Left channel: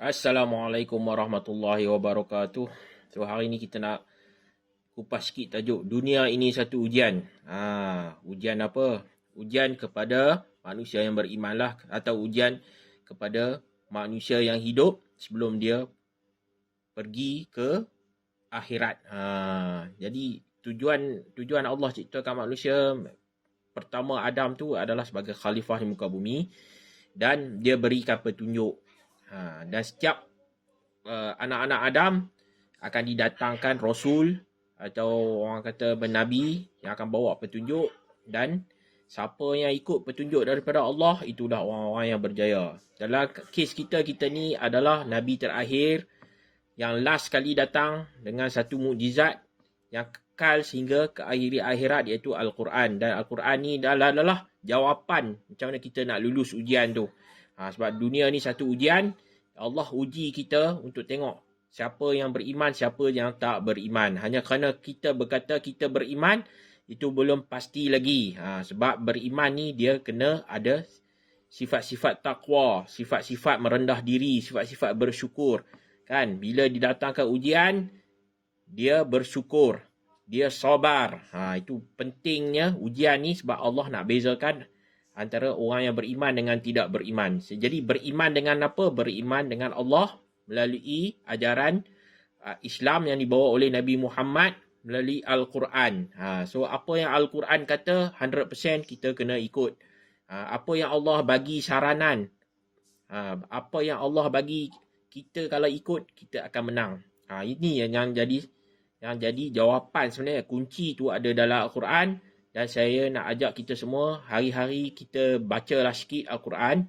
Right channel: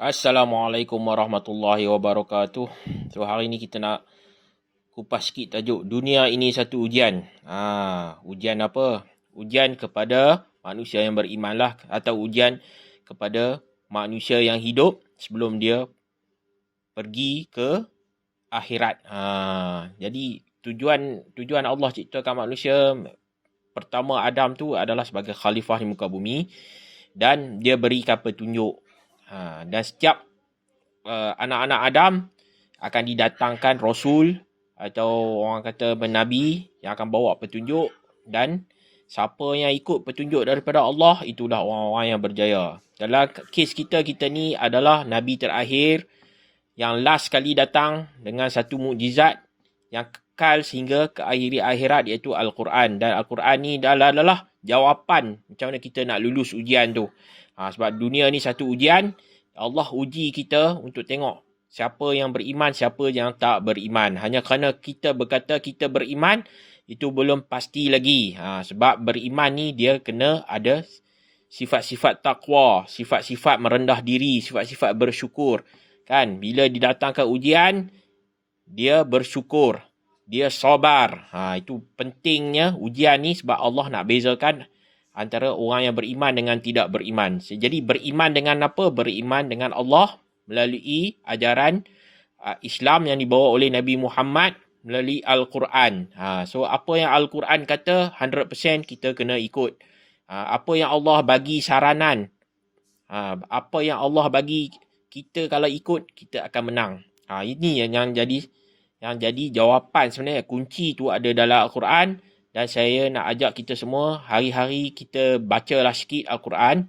Assalamualaikum warahmatullahi wabarakatuh. So hari ni kita nak kupas sikit tajuk dunia ini satu ujian. Ujian apa? Ujian kepada manusia yang beriman lah, atau ujian kepada manusia yang hidup sebelum dia pergi ke akhirat. Jadi tujuan Allah ciptakan manusia pertama Adam tu adalah sebagai khalifah di muka bumi, dan dia berikan petunjuk. Dan setiap anak-anak Adam akan didatangkan Rasul atau orang kata Nabi yang akan bawa petunjuk, dan siapa yang ikut petunjuk daripada Allah, itulah orang-orang yang berjaya. Dalam kes kita ni adalah Nabi terakhir yang last kali datang dengan satu mukjizat yang kekal sehingga ke akhirat, iaitu Al-Quran. Dan Al-Quran ni adalah jawapan macam mana kita nak lulus ujian tu. Sebab dunia ni satu ujian. Allah uji kita untuk tengok siapa yang beriman, siapa yang tak beriman. Hanya kerana kita berkata kita beriman, itu belum pasti lagi. Sebab beriman ni dia kena ada sifat-sifat takwa, sifat-sifat merendah diri, sifat-sifat bersyukur. Kan? Bila didatangkan ujian, dia bersyukur, dia sabar. Itu pentingnya ujian ni, sebab Allah nak bezakan antara orang yang beriman dengan tidak beriman. Jadi beriman dengan apa? Beriman dengan Allah melalui ajaran Islam yang dibawa oleh Nabi Muhammad melalui Al-Quran. So apa yang Al-Quran kata 100% kita kena ikut. Apa yang Allah bagi saranan, apa yang Allah bagi kita, kalau ikut kita akan menang. Ini yang jadi jawapan sebenarnya. Kunci tu ada dalam Al-Quran. Dan saya nak ajak kita semua, hari-hari kita bacalah sikit Al-Quran.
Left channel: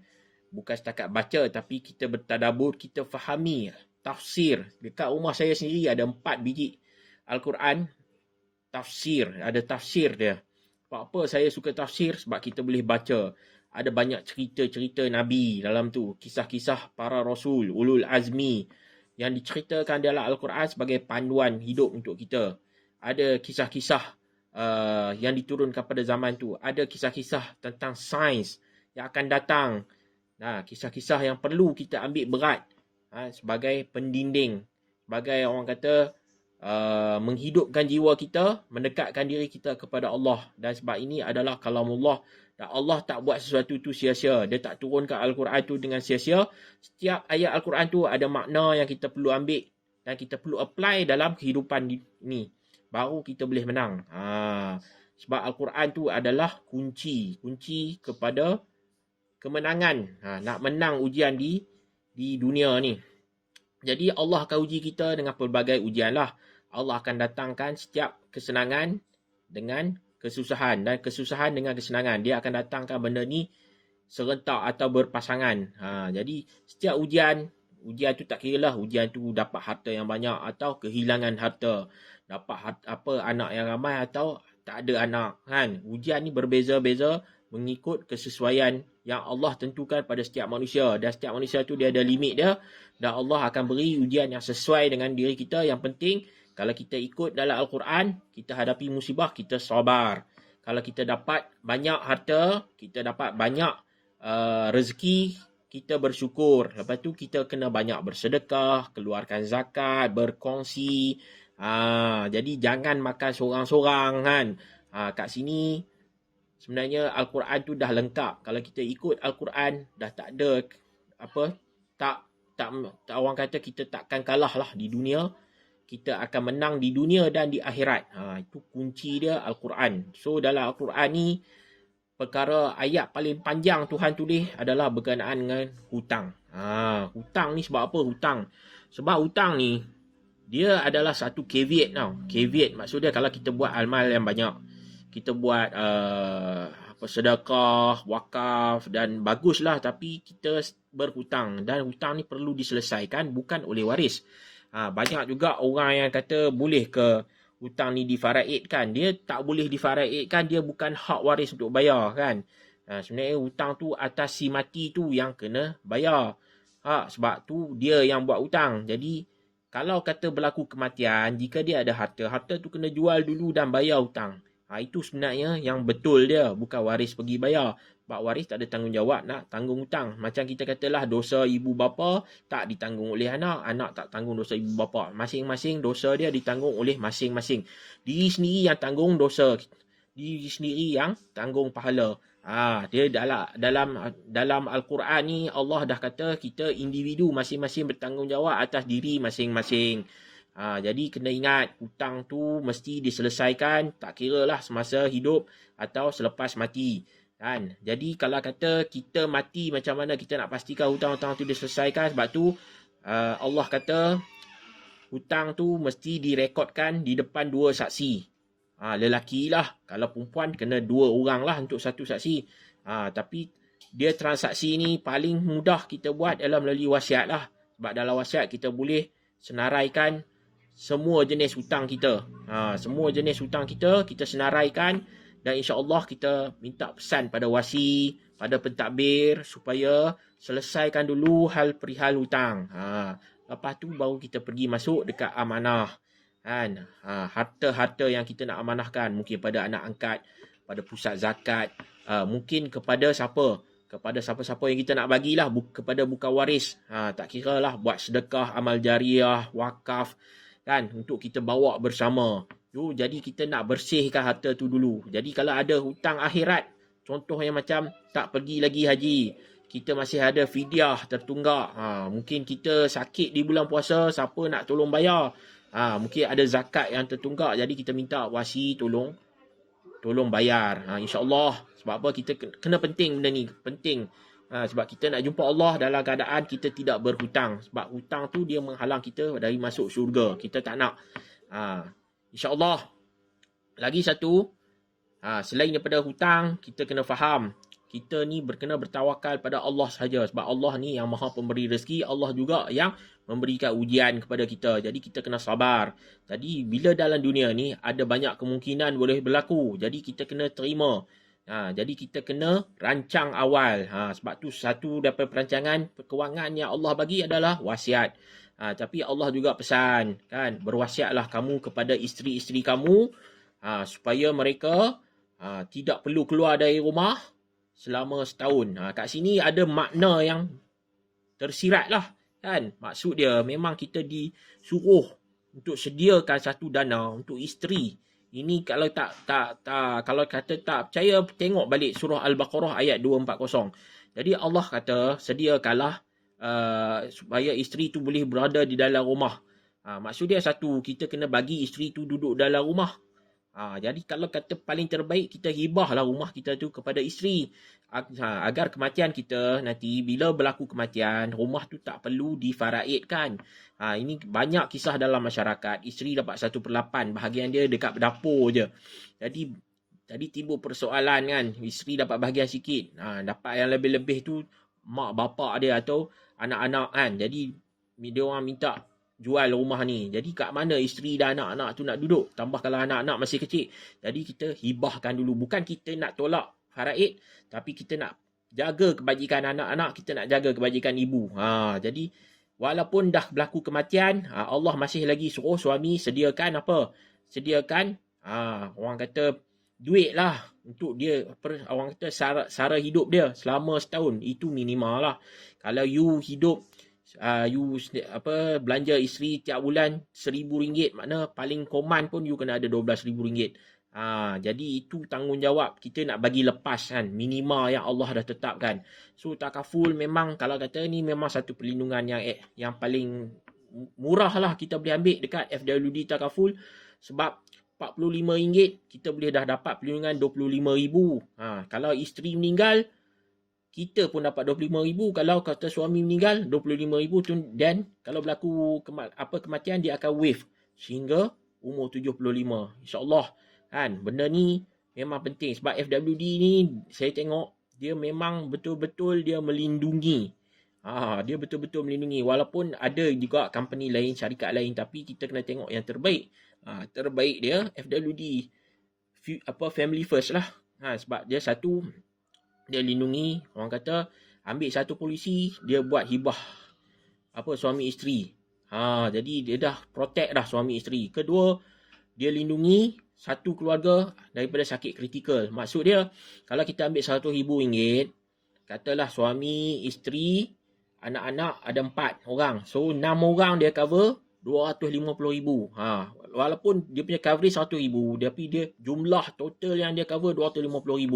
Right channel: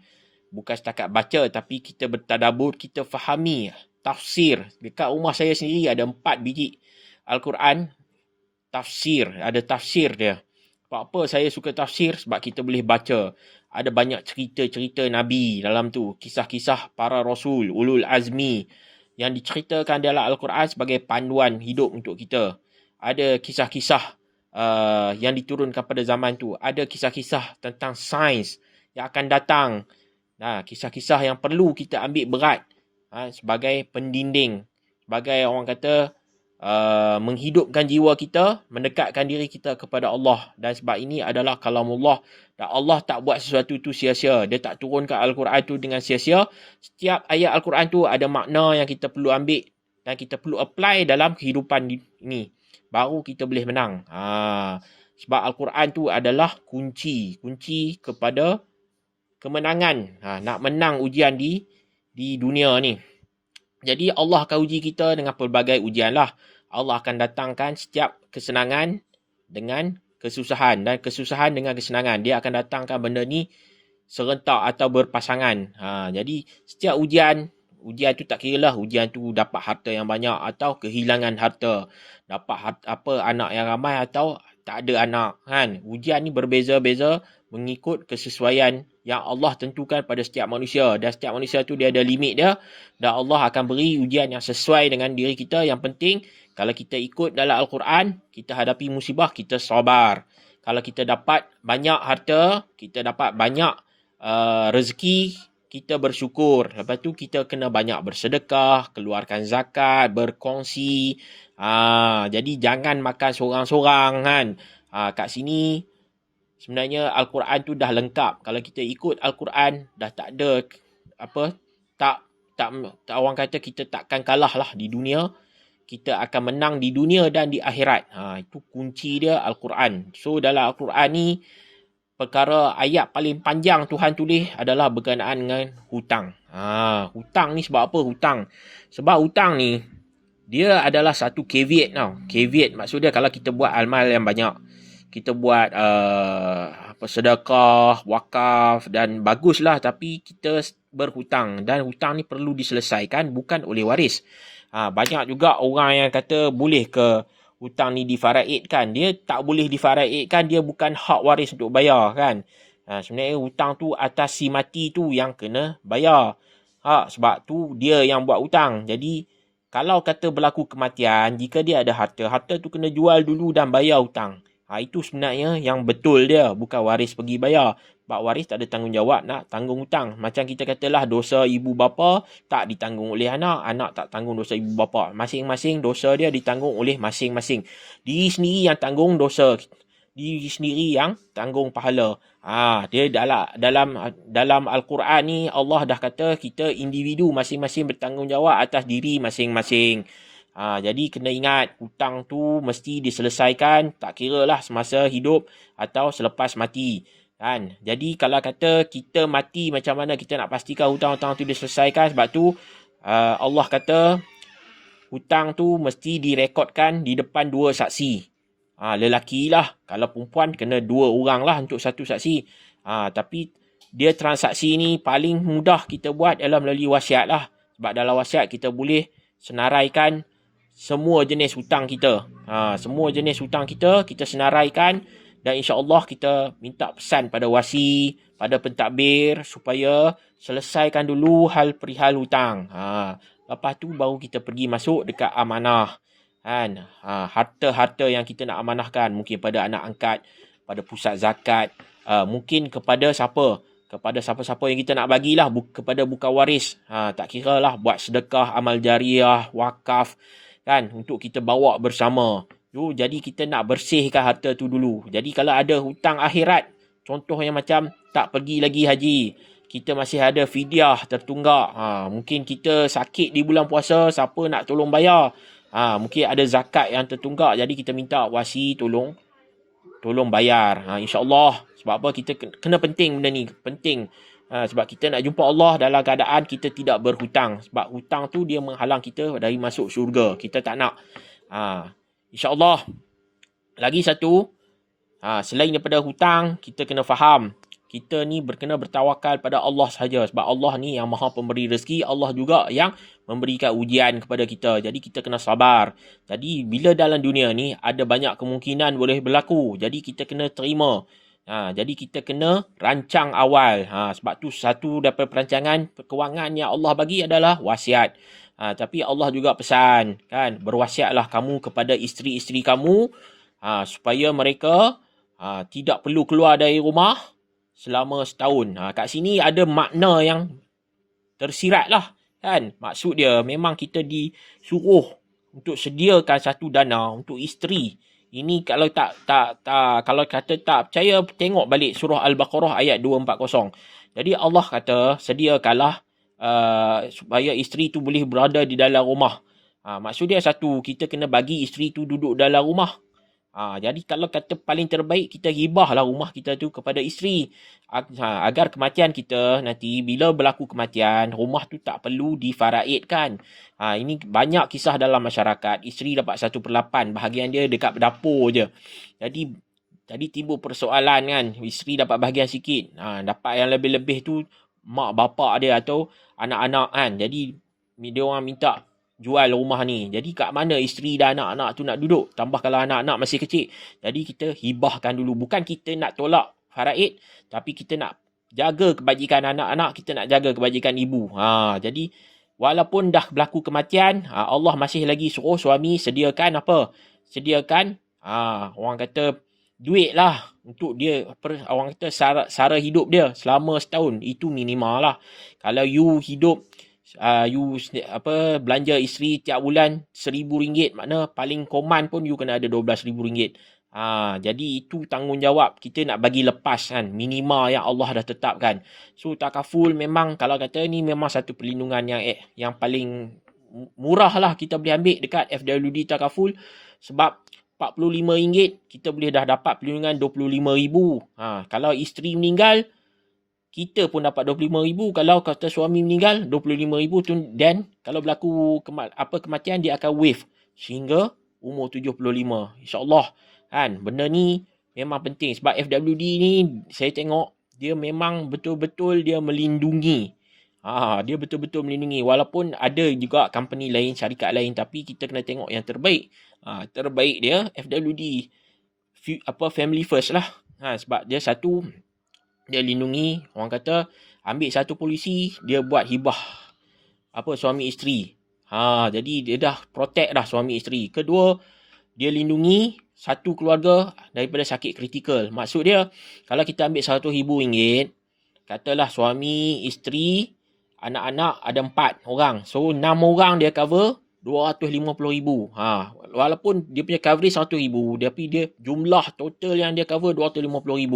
Bukan setakat baca, tapi kita bertadabur, kita fahami tafsir. Dekat rumah saya sendiri ada 4 biji Al-Quran tafsir. Ada tafsir dia. Sebab apa saya suka tafsir? Sebab kita boleh baca. Ada banyak cerita-cerita Nabi dalam tu. Kisah-kisah para Rasul, Ulul Azmi, yang diceritakan dalam Al-Quran sebagai panduan hidup untuk kita. Ada kisah-kisah yang diturunkan pada zaman tu. Ada kisah-kisah tentang sains yang akan datang. Kisah-kisah yang perlu kita ambil berat sebagai pendinding, sebagai orang kata menghidupkan jiwa kita, mendekatkan diri kita kepada Allah. Dan sebab ini adalah kalamullah. Dan Allah tak buat sesuatu tu sia-sia. Dia tak turunkan Al-Quran tu dengan sia-sia. Setiap ayat Al-Quran tu ada makna yang kita perlu ambil dan kita perlu apply dalam kehidupan ini. Baru kita boleh menang. Sebab Al-Quran tu adalah kunci kepada kemenangan. Nak menang ujian di dunia ni. Jadi Allah akan uji kita dengan pelbagai ujian lah. Allah akan datangkan setiap kesenangan dengan kesusahan, dan kesusahan dengan kesenangan. Dia akan datangkan benda ni serentak atau berpasangan. Jadi setiap ujian tu tak kira lah ujian tu dapat harta yang banyak atau kehilangan harta, dapat anak yang ramai atau tak ada anak, kan. Ujian ni berbeza-beza mengikut kesesuaian yang Allah tentukan pada setiap manusia, dan setiap manusia tu dia ada limit dia, dan Allah akan beri ujian yang sesuai dengan diri kita. Yang penting kalau kita ikut dalam Al-Quran, kita hadapi musibah, kita sabar. Kalau kita dapat banyak harta, kita dapat banyak rezeki, kita bersyukur. Lepas tu kita kena banyak bersedekah, keluarkan zakat, berkongsi. Jadi jangan makan sorang-sorang, kan. Kat sini sebenarnya Al-Quran tu dah lengkap. Kalau kita ikut Al-Quran, dah tak ada tak orang kata kita takkan kalah lah di dunia. Kita akan menang di dunia dan di akhirat. Itu kunci dia Al-Quran. So dalam Al-Quran ni, perkara ayat paling panjang Tuhan tulis adalah berkenaan dengan hutang. Hutang ni sebab apa hutang? Sebab hutang ni dia adalah satu caveat tau. Caveat maksudnya kalau kita buat amal yang banyak, kita buat sedekah, wakaf, dan baguslah, tapi kita berhutang, dan hutang ni perlu diselesaikan bukan oleh waris. Banyak juga orang yang kata boleh ke hutang ni difaraidkan. Dia tak boleh difaraidkan, dia bukan hak waris untuk bayar, kan. Sebenarnya hutang tu atas si mati tu yang kena bayar. Sebab tu dia yang buat hutang. Jadi kalau kata berlaku kematian, jika dia ada harta tu kena jual dulu dan bayar hutang. Itu sebenarnya yang betul dia, bukan waris pergi bayar. Bak waris tak ada tanggungjawab nak tanggung hutang. Macam kita katalah dosa ibu bapa tak ditanggung oleh anak, anak tak tanggung dosa ibu bapa. Masing-masing dosa dia ditanggung oleh masing-masing. Diri sendiri yang tanggung dosa, diri sendiri yang tanggung pahala. Dia dalam Al-Quran ni Allah dah kata kita individu masing-masing bertanggungjawab atas diri masing-masing. Jadi kena ingat hutang tu mesti diselesaikan, tak kira lah semasa hidup atau selepas mati. Kan? Jadi kalau kata kita mati macam mana kita nak pastikan hutang-hutang tu diselesaikan, sebab tu Allah kata hutang tu mesti direkodkan di depan dua saksi. Lelaki lah, kalau perempuan kena 2 orang lah untuk satu saksi. Tapi dia transaksi ni paling mudah kita buat adalah melalui wasiat lah. Sebab dalam wasiat kita boleh senaraikan semua jenis hutang kita. Semua jenis hutang kita senaraikan. Dan insya-Allah kita minta pesan pada wasi, pada pentadbir supaya selesaikan dulu hal perihal hutang. Lepas tu baru kita pergi masuk dekat amanah. Kan? Harta-harta yang kita nak amanahkan mungkin pada anak angkat, pada pusat zakat, mungkin kepada siapa? Kepada siapa-siapa yang kita nak bagilah, kepada bukan waris. Tak kira lah buat sedekah, amal jariah, wakaf, kan, untuk kita bawa bersama. Jadi kita nak bersihkan harta tu dulu. Jadi kalau ada hutang akhirat, contohnya macam tak pergi lagi haji, kita masih ada fidyah tertunggak. Mungkin kita sakit di bulan puasa, siapa nak tolong bayar? Mungkin ada zakat yang tertunggak, jadi kita minta wasi tolong bayar. InsyaAllah. Sebab apa? Kita kena penting benda ni. Penting. Sebab kita nak jumpa Allah dalam keadaan kita tidak berhutang. Sebab hutang tu dia menghalang kita dari masuk syurga. Kita tak nak. InsyaAllah. Lagi satu, selain daripada hutang, kita kena faham, kita ni kena bertawakal pada Allah sahaja. Sebab Allah ni yang maha pemberi rezeki. Allah juga yang memberikan ujian kepada kita. Jadi kita kena sabar. Jadi bila dalam dunia ni ada banyak kemungkinan boleh berlaku. Jadi kita kena terima. Jadi kita kena rancang awal. Sebab tu satu daripada perancangan kewangan yang Allah bagi adalah wasiat. Tapi Allah juga pesan, kan, berwasiatlah kamu kepada isteri-isteri kamu supaya mereka tidak perlu keluar dari rumah selama setahun. Kat sini ada makna yang tersirat lah, kan. Maksud dia memang kita disuruh untuk sediakan satu dana untuk isteri. Ini kalau kalau kata tak percaya, tengok balik surah Al-Baqarah ayat 240. Jadi Allah kata sediakanlah supaya isteri tu boleh berada di dalam rumah. Maksud dia satu, kita kena bagi isteri tu duduk dalam rumah. Jadi kalau kata paling terbaik, kita hibahlah rumah kita tu kepada isteri. Agar kematian kita nanti, bila berlaku kematian, rumah tu tak perlu difaraidkan. Ini banyak kisah dalam masyarakat. Isteri dapat 1/8, bahagian dia dekat dapur je. Jadi timbul persoalan, kan. Isteri dapat bahagian sikit. Dapat yang lebih-lebih tu mak bapak dia atau anak-anak, kan. Jadi dia orang minta jual rumah ni. Jadi kat mana isteri dan anak-anak tu nak duduk? Tambah kalau anak-anak masih kecil. Jadi kita hibahkan dulu. Bukan kita nak tolak faraid, tapi kita nak jaga kebajikan anak-anak, kita nak jaga kebajikan ibu. Jadi walaupun dah berlaku kematian, Allah masih lagi suruh suami sediakan apa? Sediakan orang kata duit lah untuk dia, orang kata sara hidup dia selama setahun. Itu minimal lah. Kalau you hidup belanja isteri tiap bulan RM1,000, makna paling common pun you kena ada RM12,000. Jadi itu tanggungjawab kita nak bagi lepas, kan, minimal yang Allah dah tetapkan. So takaful memang kalau kata ni memang satu perlindungan yang paling murah lah kita boleh ambil dekat FWD takaful. Sebab RM45 kita boleh dah dapat perlindungan RM25,000. Kalau isteri meninggal, kita pun dapat RM25,000. Kalau kata suami meninggal, RM25,000 tu. Dan kalau berlaku kematian, dia akan waive sehingga umur 75. InsyaAllah, kan. Benda ni memang penting. Sebab FWD ni saya tengok dia memang betul-betul dia melindungi. Dia betul-betul melindungi. Walaupun ada juga company lain, syarikat lain, tapi kita kena tengok yang terbaik. Terbaik dia FWD, family first lah. Sebab dia satu, dia lindungi, orang kata ambil satu polisi, dia buat hibah suami isteri. Jadi dia dah protect dah suami isteri. Kedua, dia lindungi satu keluarga daripada sakit kritikal. Maksud dia, kalau kita ambil RM100,000, katalah suami, isteri, anak-anak ada 4 orang. So 6 orang dia cover RM250,000. Walaupun dia punya coverage RM100,000, tapi dia jumlah total yang dia cover RM250,000.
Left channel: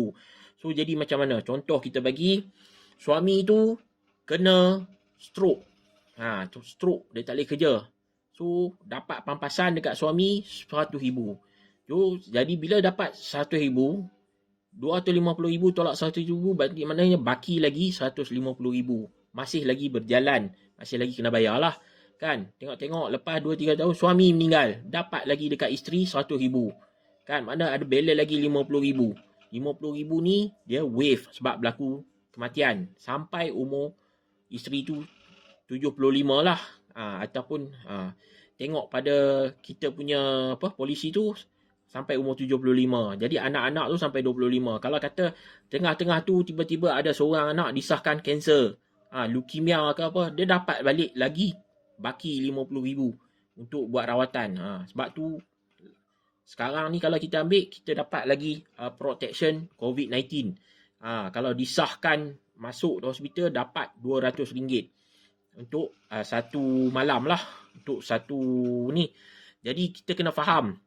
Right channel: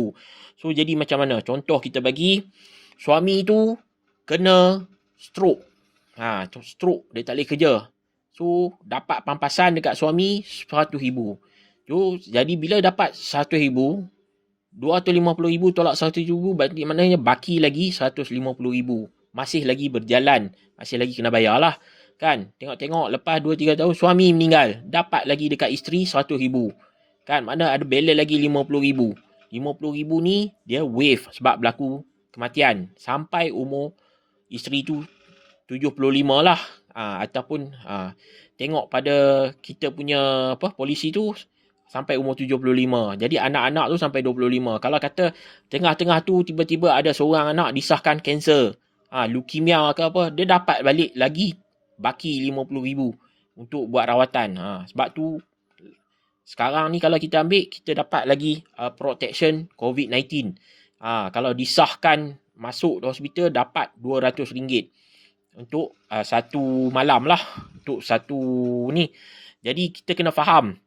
So jadi macam mana? Contoh kita bagi, suami tu kena stroke. Stroke, dia tak boleh kerja. So dapat pampasan dekat suami RM100,000. So, jadi bila dapat RM100,000, RM250,000 tolak RM100,000, berarti maknanya baki lagi RM150,000. Masih lagi berjalan, masih lagi kena bayar lah. Kan? Tengok-tengok lepas 2-3 tahun suami meninggal, dapat lagi dekat isteri RM100,000. Kan? Mana ada balance lagi RM50,000. RM50,000 ni dia waive sebab berlaku kematian sampai umur isteri tu 75 lah. Ataupun tengok pada kita punya polisi tu sampai umur 75. Jadi anak-anak tu sampai 25. Kalau kata tengah-tengah tu tiba-tiba ada seorang anak disahkan kanser, leukemia ke apa, dia dapat balik lagi baki RM50,000 untuk buat rawatan. Sebab tu sekarang ni kalau kita ambil, kita dapat lagi protection COVID-19. Kalau disahkan masuk hospital dapat RM200 untuk satu malam lah, untuk satu ni. Jadi kita kena faham,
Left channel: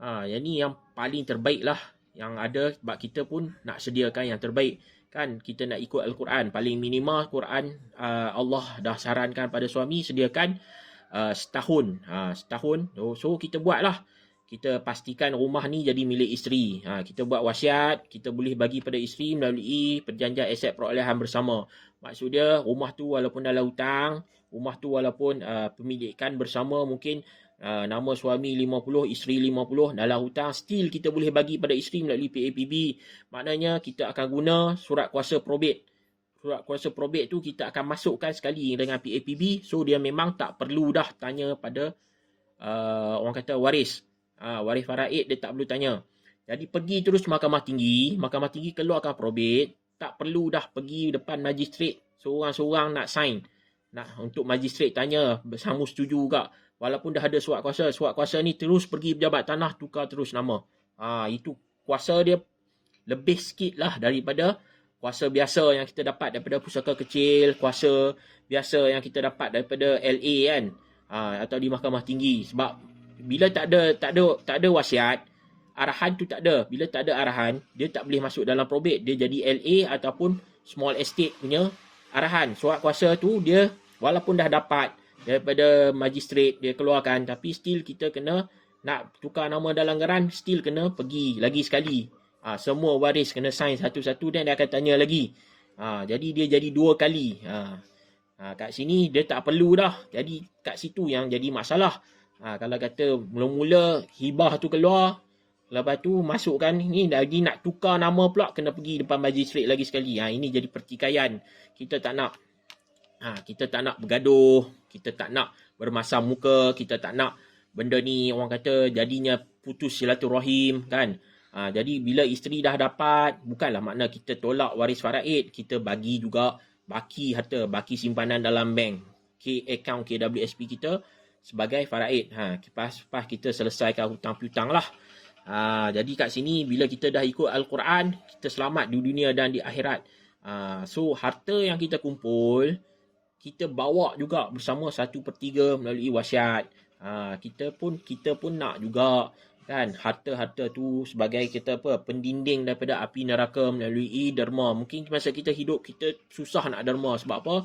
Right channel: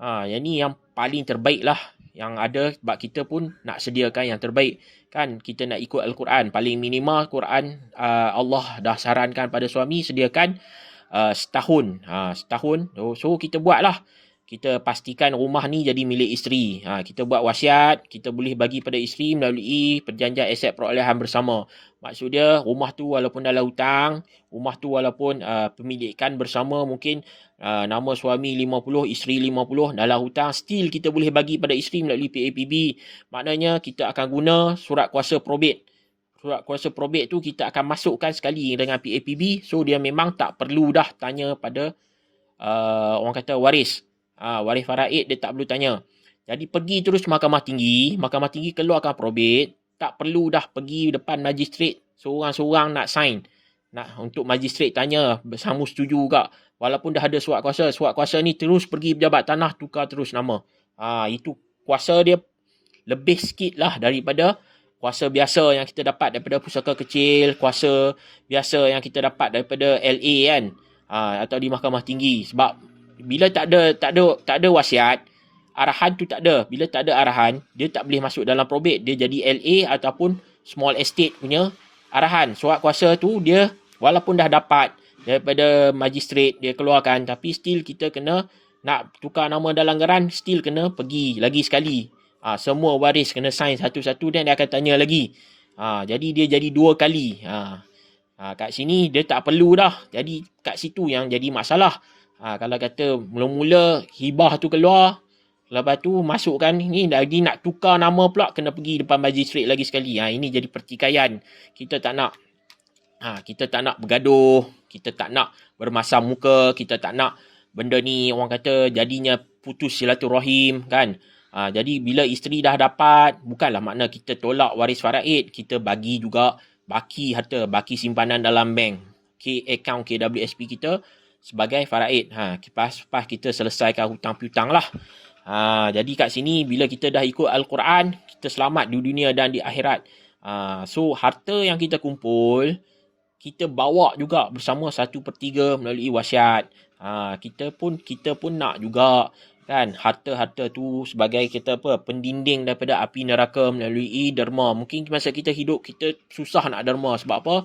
yang ni yang paling terbaik lah yang ada, sebab kita pun nak sediakan yang terbaik. Kan kita nak ikut Al-Quran, paling minimal Quran Allah dah sarankan pada suami sediakan setahun. So kita buat lah, kita pastikan rumah ni jadi milik isteri. Kita buat wasiat, kita boleh bagi pada isteri melalui perjanjian aset perolehan bersama. Maksud dia, rumah tu walaupun dalam hutang, rumah tu walaupun pemilikan bersama, mungkin nama suami 50, isteri 50 dalam hutang, still kita boleh bagi pada isteri melalui PAPB. Maknanya kita akan guna surat kuasa probate. Surat kuasa probate tu kita akan masukkan sekali dengan PAPB. So dia memang tak perlu dah tanya pada orang kata waris. Waris faraid dia tak perlu tanya. Jadi pergi terus Mahkamah Tinggi keluarkan probate. Tak perlu dah pergi depan magistrat seorang-seorang nak sign. Untuk magistrat tanya, bersama setuju tak? Walaupun dah ada surat kuasa ni terus pergi pejabat tanah tukar terus nama. Itu kuasa dia lebih sikit lah daripada kuasa biasa yang kita dapat daripada pusaka kecil, kuasa biasa yang kita dapat daripada LA kan, atau di Mahkamah Tinggi. Sebab bila tak ada wasiat, arahan tu tak ada. Bila tak ada arahan, dia tak boleh masuk dalam probate. Dia jadi LA ataupun small estate punya arahan. Surat kuasa tu dia walaupun dah dapat daripada magistrat dia keluarkan, tapi still kita kena nak tukar nama dalam geran, still kena pergi lagi sekali. Semua waris kena sign satu-satu dan dia akan tanya lagi. Jadi dia jadi 2 kali. Kat sini dia tak perlu dah. Jadi kat situ yang jadi masalah. Kalau kata mula-mula hibah tu keluar, lepas tu masukkan ni lagi nak tukar nama pula, kena pergi depan magistrat lagi sekali. Ini jadi pertikaian. Kita tak nak bergaduh, kita tak nak bermasam muka, kita tak nak benda ni orang kata jadinya putus silaturahim kan. Jadi bila isteri dah dapat, bukanlah makna kita tolak waris faraid, kita bagi juga baki harta, baki simpanan dalam bank, account KWSP kita sebagai faraid. Lepas kita selesaikan hutang piutang lah. Jadi kat sini bila kita dah ikut Al-Quran, kita selamat di dunia dan di akhirat. So harta yang kita kumpul, kita bawa juga bersama 1/3 melalui wasiat. Kita pun nak juga kan harta-harta tu sebagai kita pendinding daripada api neraka melalui derma. Mungkin masa kita hidup kita susah nak derma, sebab apa?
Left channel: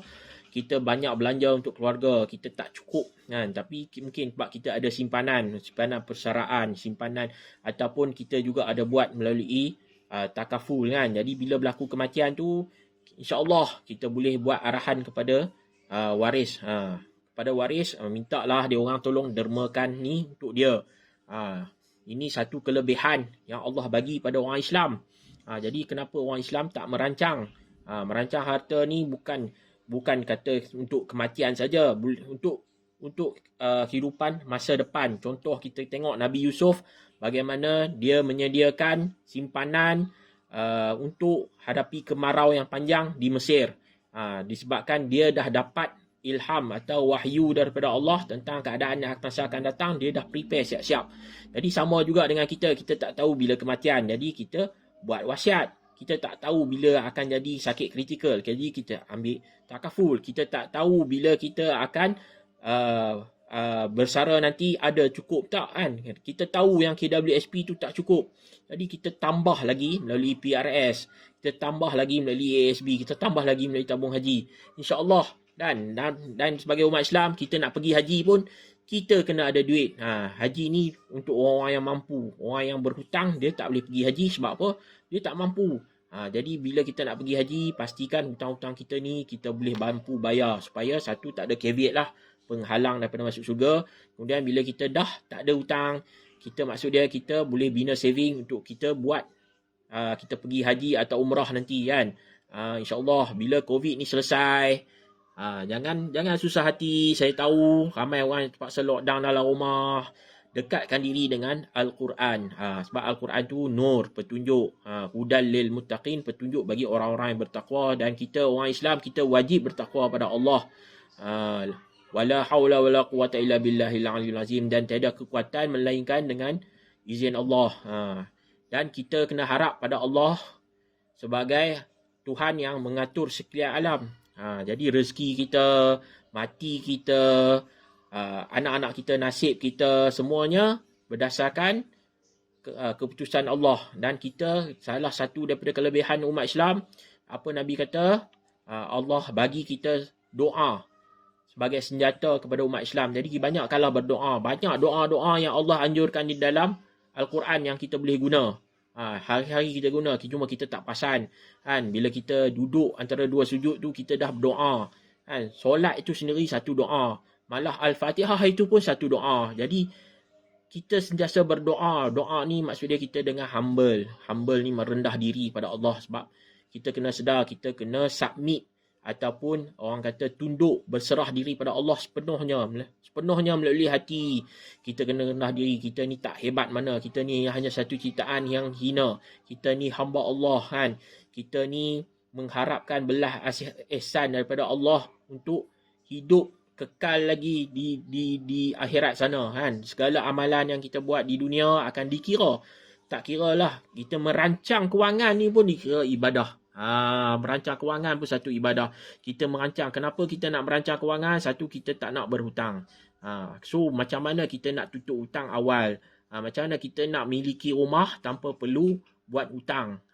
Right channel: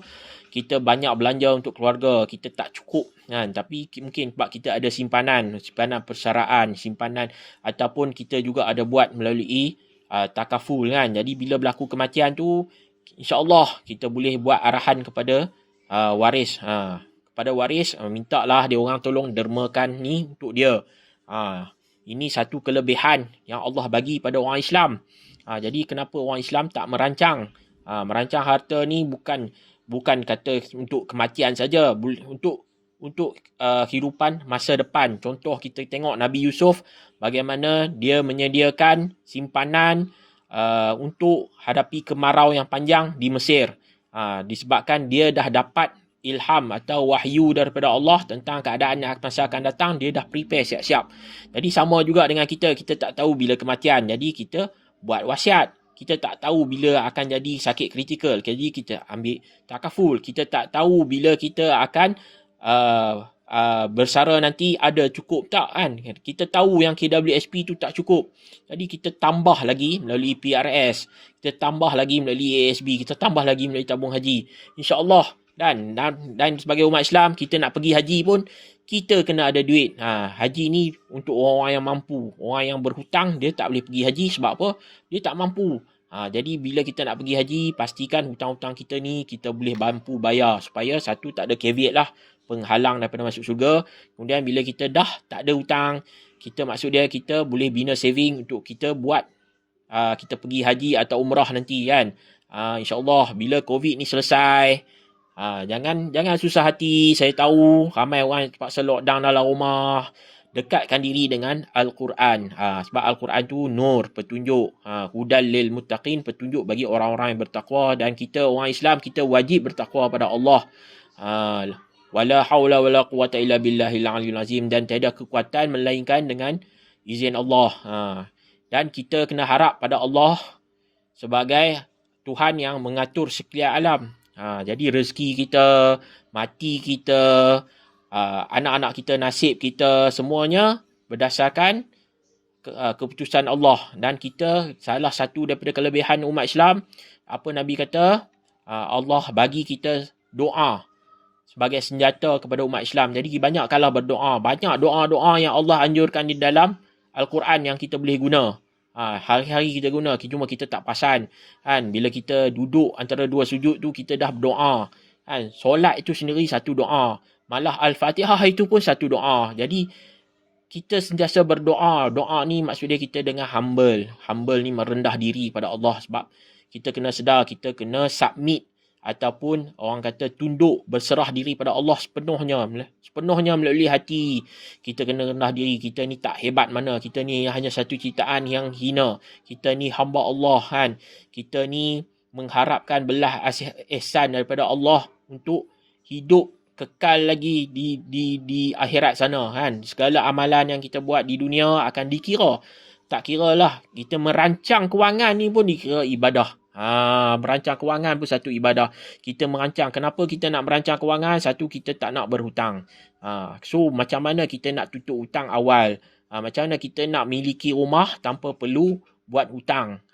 Kita banyak belanja untuk keluarga, kita tak cukup kan. Tapi mungkin sebab kita ada simpanan persaraan, simpanan, ataupun kita juga ada buat melalui takaful kan. Jadi bila berlaku kematian tu, insya-Allah kita boleh buat arahan kepada waris. Kepada waris, mintalah dia orang tolong dermakan ni untuk dia. Ini satu kelebihan yang Allah bagi pada orang Islam. Jadi kenapa orang Islam tak merancang? Merancang harta ni bukan kata untuk kematian saja, untuk kehidupan masa depan. Contoh kita tengok Nabi Yusuf, bagaimana dia menyediakan simpanan untuk hadapi kemarau yang panjang di Mesir. Disebabkan dia dah dapat ilham atau wahyu daripada Allah tentang keadaan yang masa akan datang, dia dah prepare siap-siap. Jadi sama juga dengan kita tak tahu bila kematian. Jadi kita buat wasiat. Kita tak tahu bila akan jadi sakit kritikal. Jadi kita ambil takaful. Kita tak tahu bila kita akan bersara nanti ada cukup tak kan. Kita tahu yang KWSP tu tak cukup. Jadi kita tambah lagi melalui PRS. Kita tambah lagi melalui ASB. Kita tambah lagi melalui tabung haji. InsyaAllah. Dan sebagai umat Islam, kita nak pergi haji pun, kita kena ada duit. Haji ni untuk orang-orang yang mampu. Orang yang berhutang, dia tak boleh pergi haji. Sebab apa? Dia tak mampu. Jadi bila kita nak pergi haji, pastikan hutang-hutang kita ni kita boleh mampu bayar. Supaya satu, tak ada caveat lah, penghalang daripada masuk syurga. Kemudian bila kita dah tak ada hutang, maksud dia kita boleh bina saving untuk kita buat kita pergi haji atau umrah nanti kan. InsyaAllah bila COVID ni selesai, jangan susah hati. Saya tahu ramai orang terpaksa lockdown dalam rumah. Dekatkan diri dengan Al-Quran. Sebab Al-Quran tu nur, petunjuk. Hudal lil muttaqin, petunjuk bagi orang-orang yang bertakwa. Dan kita orang Islam, kita wajib bertakwa pada Allah. Wala haula wala quwata illa billahil aliyil azim. Dan tiada kekuatan melainkan dengan izin Allah. Dan kita kena harap pada Allah sebagai Tuhan yang mengatur sekalian alam. Jadi rezeki kita, mati kita, anak-anak kita, nasib kita, semuanya berdasarkan keputusan Allah. Dan kita, salah satu daripada kelebihan umat Islam, apa Nabi kata, Allah bagi kita doa sebagai senjata kepada umat Islam. Jadi banyakkanlah berdoa. Banyak doa-doa yang Allah anjurkan di dalam Al-Quran yang kita boleh guna. Hari-hari kita guna, cuma kita tak perasan kan. Bila kita duduk antara dua sujud tu, kita dah berdoa kan. Solat itu sendiri satu doa, malah Al-Fatihah itu pun satu doa. Jadi kita sentiasa berdoa. Doa ni maksudnya kita dengan humble ni merendah diri pada Allah. Sebab kita kena sedar, kita kena submit ataupun orang kata tunduk, berserah diri pada Allah sepenuhnya melalui hati. Kita kena rendah diri. Kita ni tak hebat mana. Kita ni hanya satu ciptaan yang hina. Kita ni hamba Allah kan. Kita ni mengharapkan belah ihsan daripada Allah untuk hidup kekal lagi di akhirat sana kan. Segala amalan yang kita buat di dunia akan dikira. Tak kira lah, kita merancang kewangan ni pun dikira ibadah. Merancang kewangan pun satu ibadah. Kita merancang. Kenapa kita nak merancang kewangan? Satu, kita tak nak berhutang. So macam mana kita nak tutup hutang awal? Macam mana kita nak miliki rumah tanpa perlu buat hutang?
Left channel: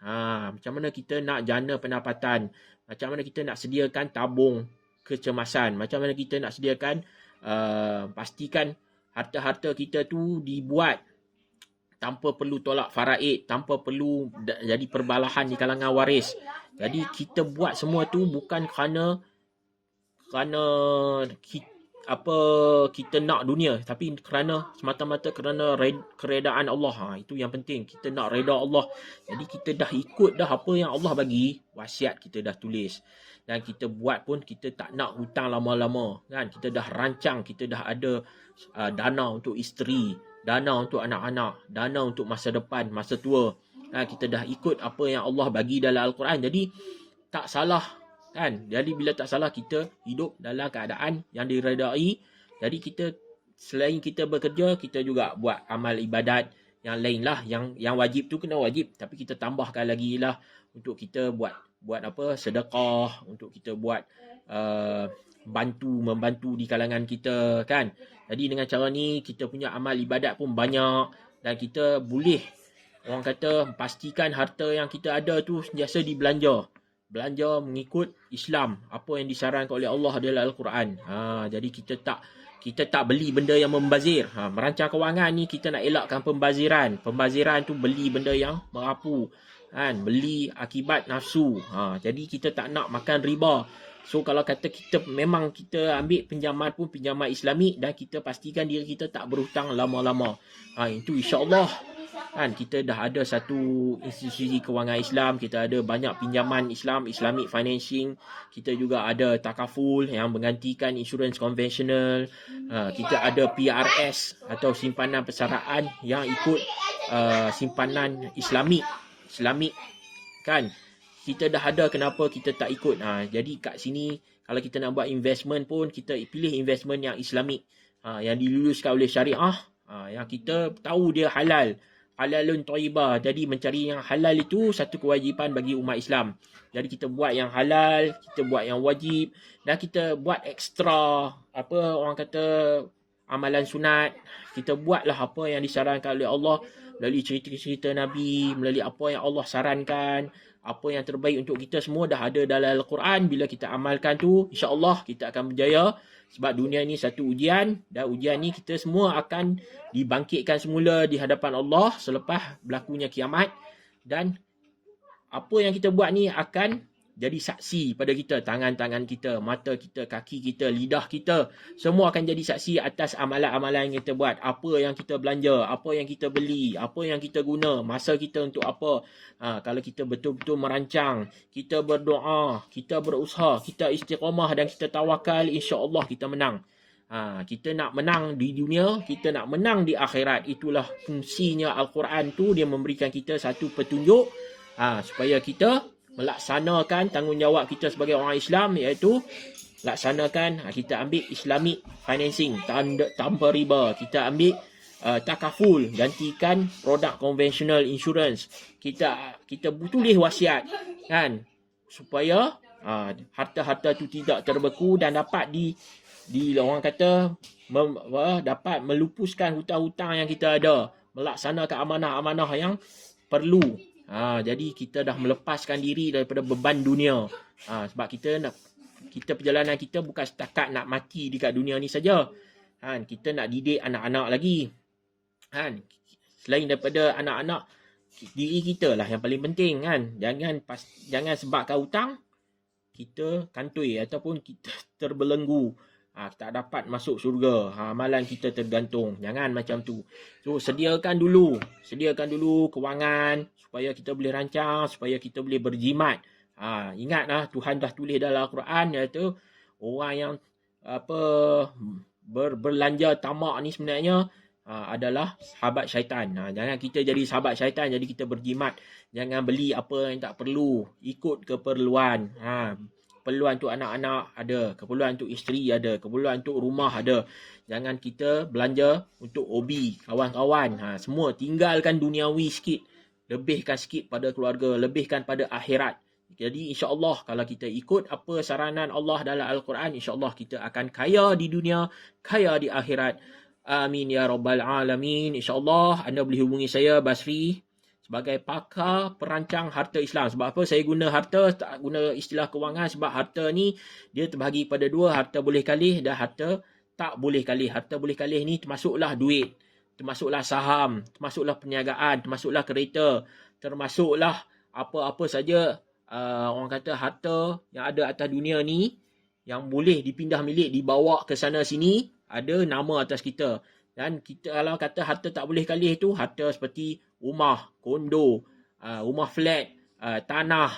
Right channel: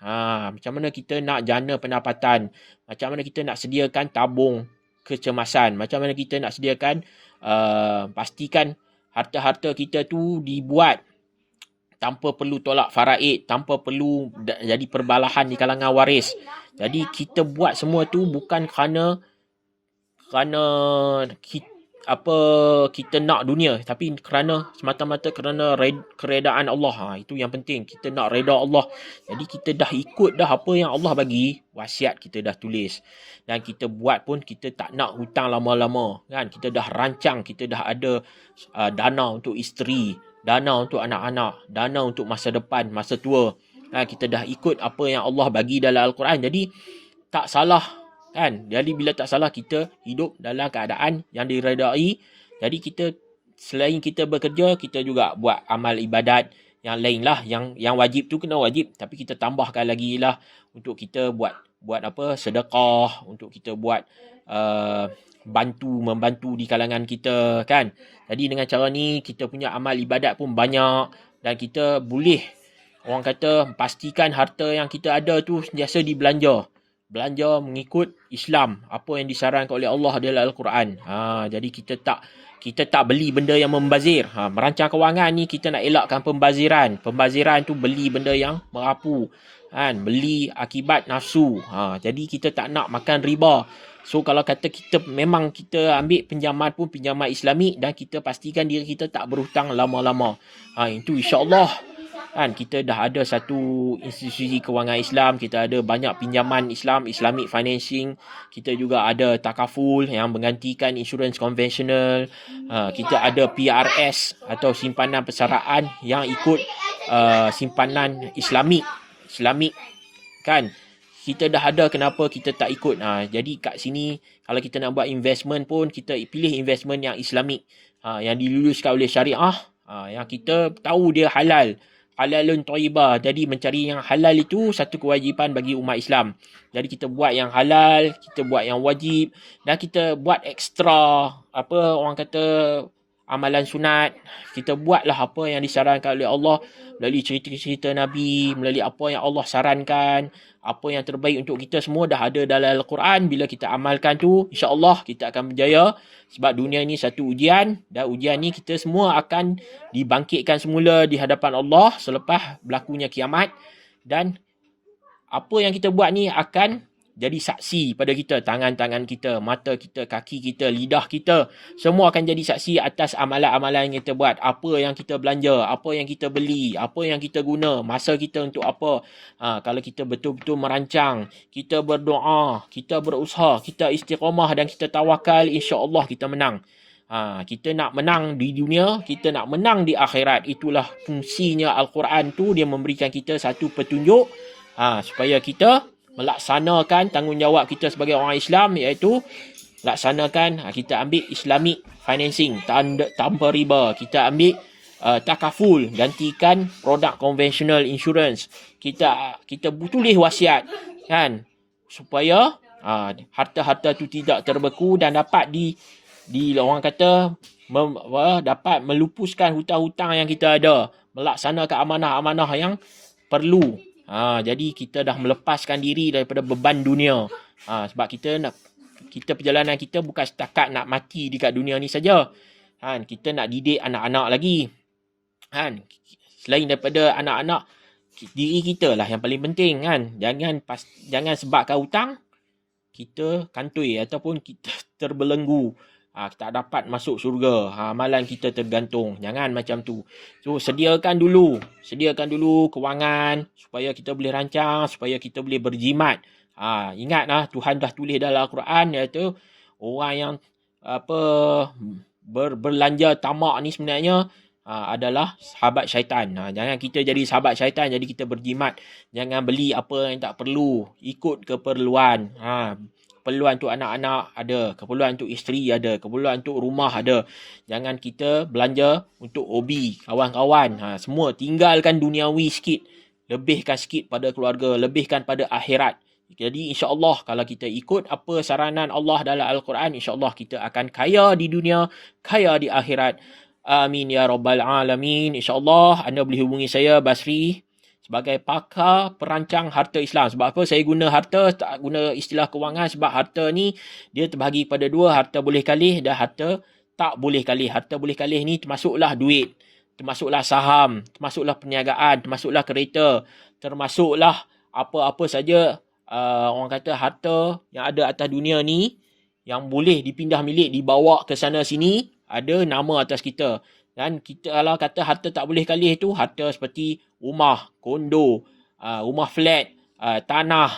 Macam mana kita nak jana pendapatan? Macam mana kita nak sediakan tabung kecemasan? Macam mana kita nak sediakan pastikan harta-harta kita tu dibuat tanpa perlu tolak faraid, tanpa perlu jadi perbalahan di kalangan waris. Jadi kita buat semua tu bukan kerana kita nak dunia, tapi semata-mata kerana keredaan Allah. Itu yang penting. Kita nak reda Allah. Jadi kita dah ikut dah apa yang Allah bagi, wasiat kita dah tulis. Dan kita buat pun kita tak nak hutang lama-lama kan. Kita dah rancang, kita dah ada dana untuk isteri, dana untuk anak-anak, dana untuk masa depan, masa tua. Kita dah ikut apa yang Allah bagi dalam Al-Quran. Jadi tak salah kan. Jadi bila tak salah, kita hidup dalam keadaan yang diredai. Jadi kita selain kita bekerja, kita juga buat amal ibadat yang lain lah. Yang wajib tu kena wajib, tapi kita tambahkan lagi lah untuk kita buat apa, sedekah, untuk kita buat membantu di kalangan kita kan. Jadi dengan cara ni kita punya amal ibadat pun banyak. Dan kita boleh, orang kata, pastikan harta yang kita ada tu sentiasa dibelanja. Belanja mengikut Islam, apa yang disarankan oleh Allah dalam Al-Quran. Jadi kita tak beli benda yang membazir. Merancang kewangan ni kita nak elakkan pembaziran. Pembaziran tu beli benda yang merapu kan, beli akibat nafsu. Jadi kita tak nak makan riba. So kalau kata kita memang kita ambil pinjaman pun pinjaman Islamik, dan kita pastikan diri kita tak berhutang lama-lama. Itu insya-Allah kan, kita dah ada satu institusi kewangan Islam, kita ada banyak pinjaman Islam, Islamic financing, kita juga ada takaful yang menggantikan insurans konvensional, kita ada PRS atau simpanan persaraan yang ikut simpanan Islamik kan. kita dah ada, kenapa kita tak ikut? Jadi kat sini kalau kita nak buat investment pun, kita pilih investment yang Islamik, yang diluluskan oleh syariah, yang kita tahu dia halal, halalun thayyibah. Jadi mencari yang halal itu satu kewajipan bagi umat Islam. Jadi kita buat yang halal, kita buat yang wajib, dan kita buat ekstra, orang kata, amalan sunat. Kita buatlah apa yang disarankan oleh Allah melalui cerita-cerita Nabi, melalui apa yang Allah sarankan, apa yang terbaik untuk kita, semua dah ada dalam Al-Quran. Bila kita amalkan tu, insya-Allah kita akan berjaya. Sebab dunia ni satu ujian, dan ujian ni kita semua akan dibangkitkan semula di hadapan Allah selepas berlakunya kiamat. Dan apa yang kita buat ni akan jadi saksi pada kita. Tangan-tangan kita, mata kita, kaki kita, lidah kita, semua akan jadi saksi atas amalan-amalan yang kita buat. Apa yang kita belanja, apa yang kita beli, apa yang kita guna, masa kita untuk apa. Kalau kita betul-betul merancang, kita berdoa, kita berusaha, kita istiqamah dan kita tawakal, insya-Allah kita menang. Kita nak menang di dunia, kita nak menang di akhirat. Itulah fungsinya Al-Quran tu. Dia memberikan kita satu petunjuk supaya kita melaksanakan tanggungjawab kita sebagai orang Islam, iaitu laksanakan, kita ambil Islamic financing tanpa riba, kita ambil takaful, gantikan produk konvensional insurance, kita tulis wasiat, kan, supaya harta-harta tu tidak terbeku dan dapat di orang kata dapat melupuskan hutang-hutang yang kita ada, melaksanakan amanah-amanah yang perlu. Jadi kita dah melepaskan diri daripada beban dunia. Sebab kita perjalanan kita bukan setakat nak mati dekat dunia ni saja. Kita nak didik anak-anak lagi. Selain daripada anak-anak, diri kita lah yang paling penting, kan. Jangan sebabkan hutang kita kantoi ataupun kita terbelenggu. Tak dapat masuk syurga. Amalan kita tergantung. Jangan macam tu. So, sediakan dulu kewangan supaya kita boleh rancang, supaya kita boleh berjimat. Ingatlah, Tuhan dah tulis dalam Al-Quran, iaitu orang yang berbelanja tamak ni sebenarnya adalah sahabat syaitan. Jangan kita jadi sahabat syaitan, jadi kita berjimat. Jangan beli apa yang tak perlu, ikut keperluan. Keperluan untuk anak-anak ada, keperluan untuk isteri ada, keperluan untuk rumah ada. Jangan kita belanja untuk hobi, kawan-kawan. Semua tinggalkan duniawi sikit. Lebihkan sikit pada keluarga, lebihkan pada akhirat. Jadi insya-Allah kalau kita ikut apa saranan Allah dalam Al-Quran, insya-Allah kita akan kaya di dunia, kaya di akhirat. Amin ya rabbal alamin. Insya-Allah anda boleh hubungi saya, Basri, sebagai pakar perancang harta Islam. Sebab apa saya guna harta, tak guna istilah kewangan? Sebab harta ni dia terbahagi pada dua, harta boleh kalih dan harta tak boleh kalih. Harta boleh kalih ni termasuklah duit, termasuklah saham, termasuklah perniagaan, termasuklah kereta, termasuklah apa-apa saja orang kata harta yang ada atas dunia ni yang boleh dipindah milik, dibawa ke sana sini, ada nama atas kita. Dan kita kalau kata harta tak boleh kalih tu, harta seperti rumah, kondo, rumah flat, tanah,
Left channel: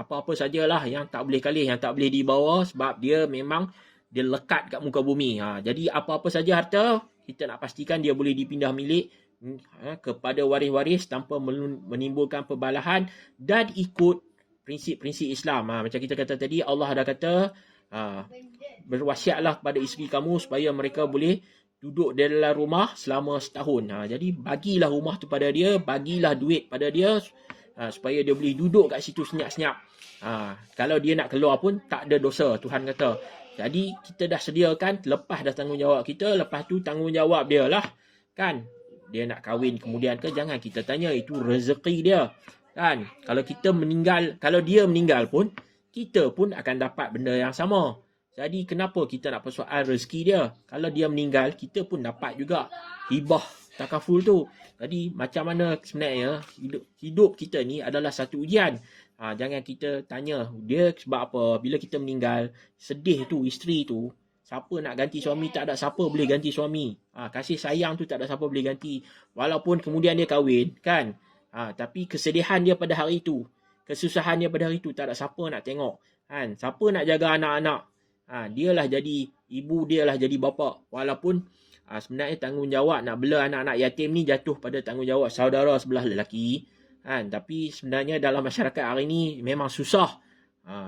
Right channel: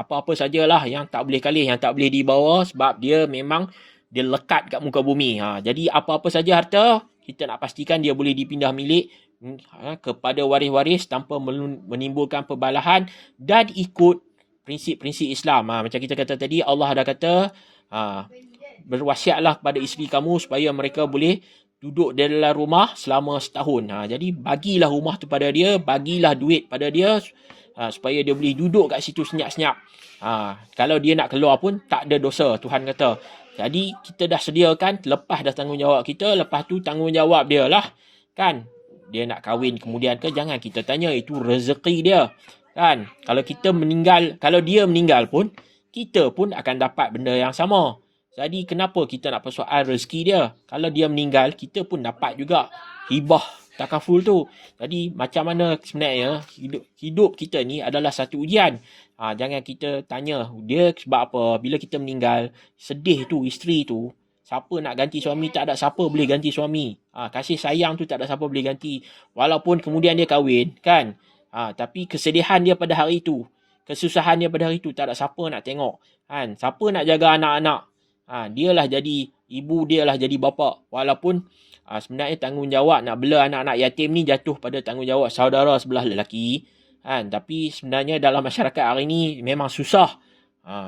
apa-apa sajalah yang tak boleh kalih, yang tak boleh dibawa, sebab dia memang dia lekat kat muka bumi. Jadi apa-apa saja harta, kita nak pastikan dia boleh dipindah milik kepada waris-waris tanpa menimbulkan perbalahan dan ikut prinsip-prinsip Islam. Macam kita kata tadi, Allah dah kata, berwasiatlah kepada isteri kamu supaya mereka boleh duduk di dalam rumah selama setahun. Jadi bagilah rumah tu pada dia, bagilah duit pada dia, supaya dia boleh duduk kat situ senyap-senyap. Kalau dia nak keluar pun tak ada dosa, Tuhan kata. Jadi kita dah sediakan, lepas dah tanggungjawab kita, lepas tu tanggungjawab dia lah, kan. Dia nak kahwin kemudian ke, jangan kita tanya, itu rezeki dia, kan. Kalau dia meninggal pun, kita pun akan dapat benda yang sama. Jadi kenapa kita nak persoal rezeki dia? Kalau dia meninggal, kita pun dapat juga hibah takaful tu. Jadi macam mana sebenarnya hidup kita ni adalah satu ujian. Jangan kita tanya dia sebab apa. Bila kita meninggal, sedih tu isteri tu, siapa nak ganti suami? Tak ada siapa boleh ganti suami. Kasih sayang tu tak ada siapa boleh ganti. Walaupun kemudian dia kahwin, kan. Tapi kesedihan dia pada hari tu, kesusahan dia pada hari tu, tak ada siapa nak tengok, kan. Siapa nak jaga anak-anak? Dialah jadi ibu, dialah jadi bapa. Walaupun sebenarnya tanggungjawab nak bela anak-anak yatim ni jatuh pada tanggungjawab saudara sebelah lelaki. Kan? Tapi sebenarnya dalam masyarakat hari ni memang susah.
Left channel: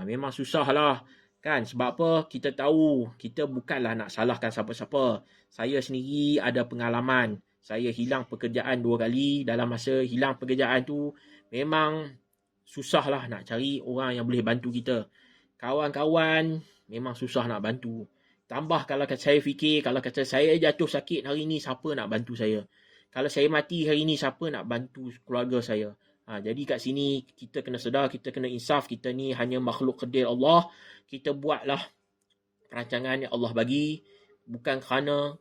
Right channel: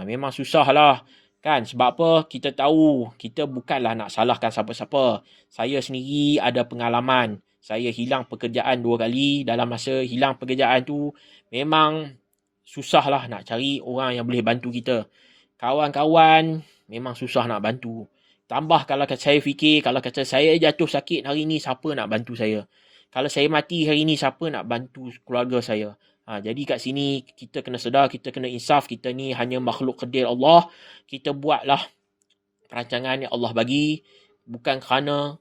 Memang susah lah. Kan? Sebab apa? Kita tahu kita bukanlah nak salahkan siapa-siapa. Saya sendiri ada pengalaman. Saya hilang pekerjaan 2 kali. Dalam masa hilang pekerjaan tu, memang susah lah nak cari orang yang boleh bantu kita. Kawan-kawan memang susah nak bantu. Tambah kalau saya fikir, kalau kata saya jatuh sakit hari ni, siapa nak bantu saya? Kalau saya mati hari ni, siapa nak bantu keluarga saya? Jadi kat sini kita kena sedar, kita kena insaf, kita ni hanya makhluk kerdil Allah. Kita buatlah perancangan yang Allah bagi, bukan kerana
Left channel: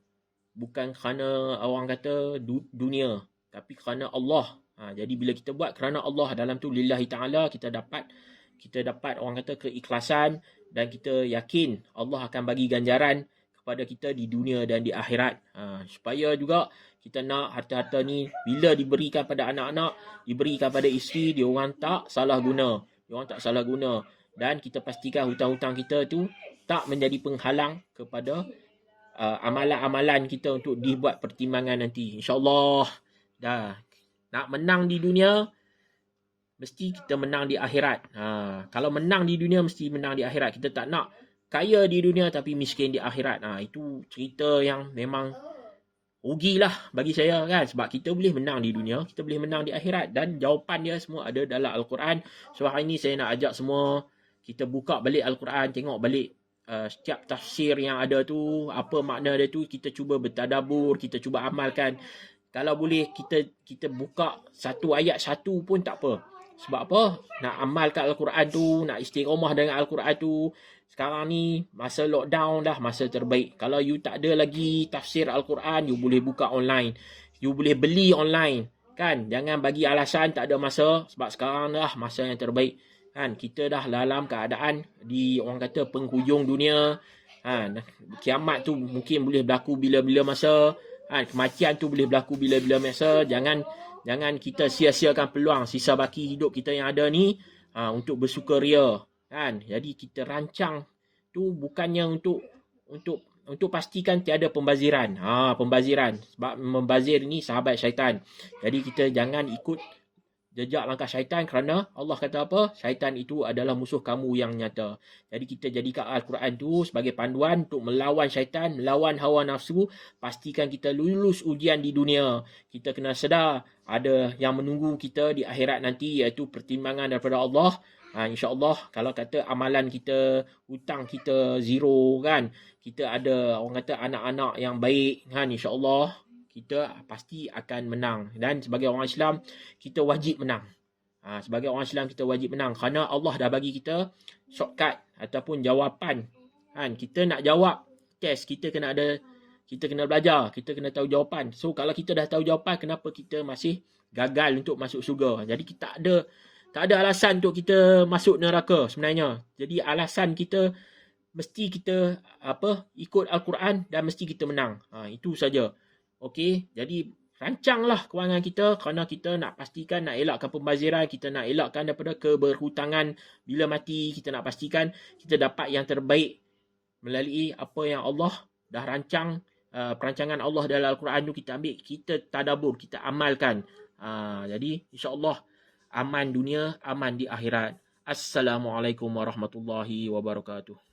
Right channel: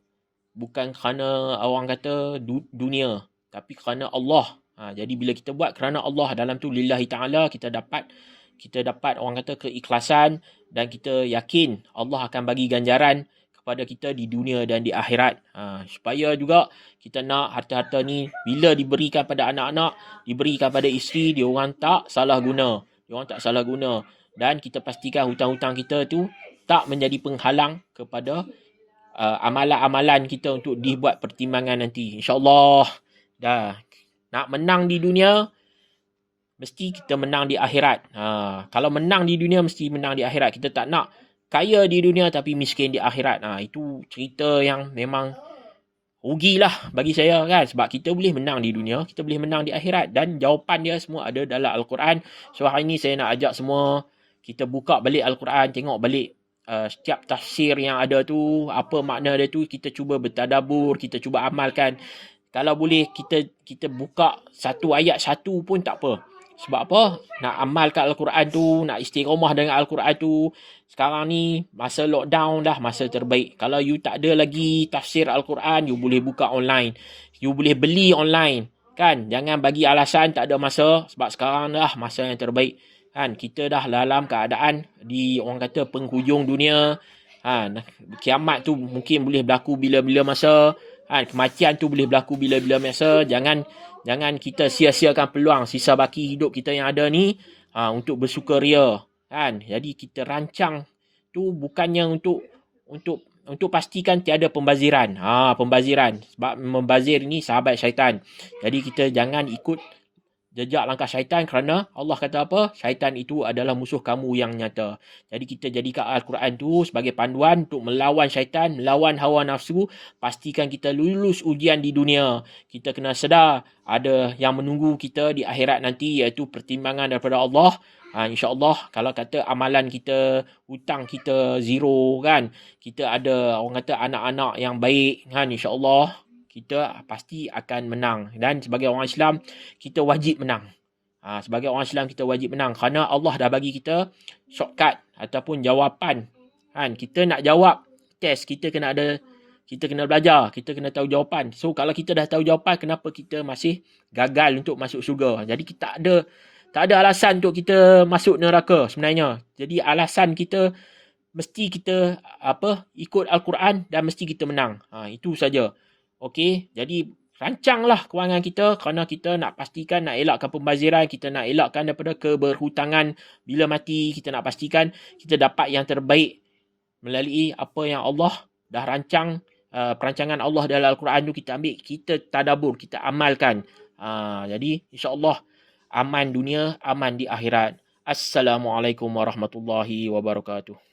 orang kata dunia, tapi kerana Allah. Jadi bila kita buat kerana Allah, dalam tu lillahi ta'ala, kita dapat orang kata keikhlasan, dan kita yakin Allah akan bagi ganjaran kepada kita di dunia dan di akhirat. Supaya juga kita nak harta-harta ni bila diberikan pada anak-anak, diberikan pada isteri, dia orang tak salah guna. Dan kita pastikan hutang-hutang kita tu tak menjadi penghalang kepada amalan-amalan kita untuk dibuat pertimbangan nanti. InsyaAllah dah nak menang di dunia, mesti kita menang di akhirat. Kalau menang di dunia, mesti menang di akhirat. Kita tak nak kaya di dunia tapi miskin di akhirat. Itu cerita yang memang rugilah bagi saya, kan. Sebab kita boleh menang di dunia, kita boleh menang di akhirat. Dan jawapan dia semua ada dalam Al-Quran. So hari ni saya nak ajak semua, kita buka balik Al-Quran, tengok balik setiap tafsir yang ada tu, apa makna dia tu, kita cuba bertadabur, kita cuba amalkan. Kalau boleh kita buka satu ayat satu pun tak apa. Sebab apa? Nak amalkan Al-Quran tu, nak istiqamah dengan Al-Quran tu. Sekarang ni masa lockdown dah masa terbaik. Kalau you tak ada lagi tafsir Al-Quran, you boleh buka online. You boleh beli online. Kan? Jangan bagi alasan tak ada masa. Sebab sekarang dah masa yang terbaik. Kan? Kita dah dalam keadaan di orang kata penghujung dunia. Kiamat tu mungkin boleh berlaku bila-bila masa. Kematian tu boleh berlaku bila-bila masa. Jangan kita sia-siakan peluang sisa baki hidup kita yang ada ni untuk bersukaria, kan. Jadi kita rancang tu bukannya untuk pastikan tiada pembaziran. Pembaziran, sebab membazir ni sahabat syaitan. Jadi kita jangan ikut jejak langkah syaitan, kerana Allah kata apa? Syaitan itu adalah musuh kamu yang nyata. Jadi kita jadikan Al-Quran tu sebagai panduan untuk melawan syaitan, melawan hawa nafsu. Pastikan kita lulus ujian di dunia. Kita kena sedar ada yang menunggu kita di akhirat nanti, iaitu pertimbangan daripada Allah. InsyaAllah kalau kata amalan kita, hutang kita zero, kan, kita ada orang kata anak-anak yang baik, kan, insyaAllah kita pasti akan menang. Dan sebagai orang Islam, kita wajib menang. Sebagai orang Islam, kita wajib menang. Kerana Allah dah bagi kita shortcut ataupun jawapan. Kita nak jawab test, kita kena belajar, kita kena tahu jawapan. So, kalau kita dah tahu jawapan, kenapa kita masih gagal untuk masuk syurga? Jadi, kita tak ada alasan untuk kita masuk neraka sebenarnya. Jadi, alasan kita mesti kita ikut Al-Quran dan mesti kita menang. Itu saja. Okey, jadi rancanglah kewangan kita, kerana kita nak pastikan, nak elakkan pembaziran, kita nak elakkan daripada keberhutangan bila mati. Kita nak pastikan kita dapat yang terbaik melalui apa yang Allah dah rancang. Perancangan Allah dalam Al-Quran tu kita ambil, kita tadabur, kita amalkan. Jadi insyaAllah aman dunia, aman di akhirat. Assalamualaikum warahmatullahi wabarakatuh.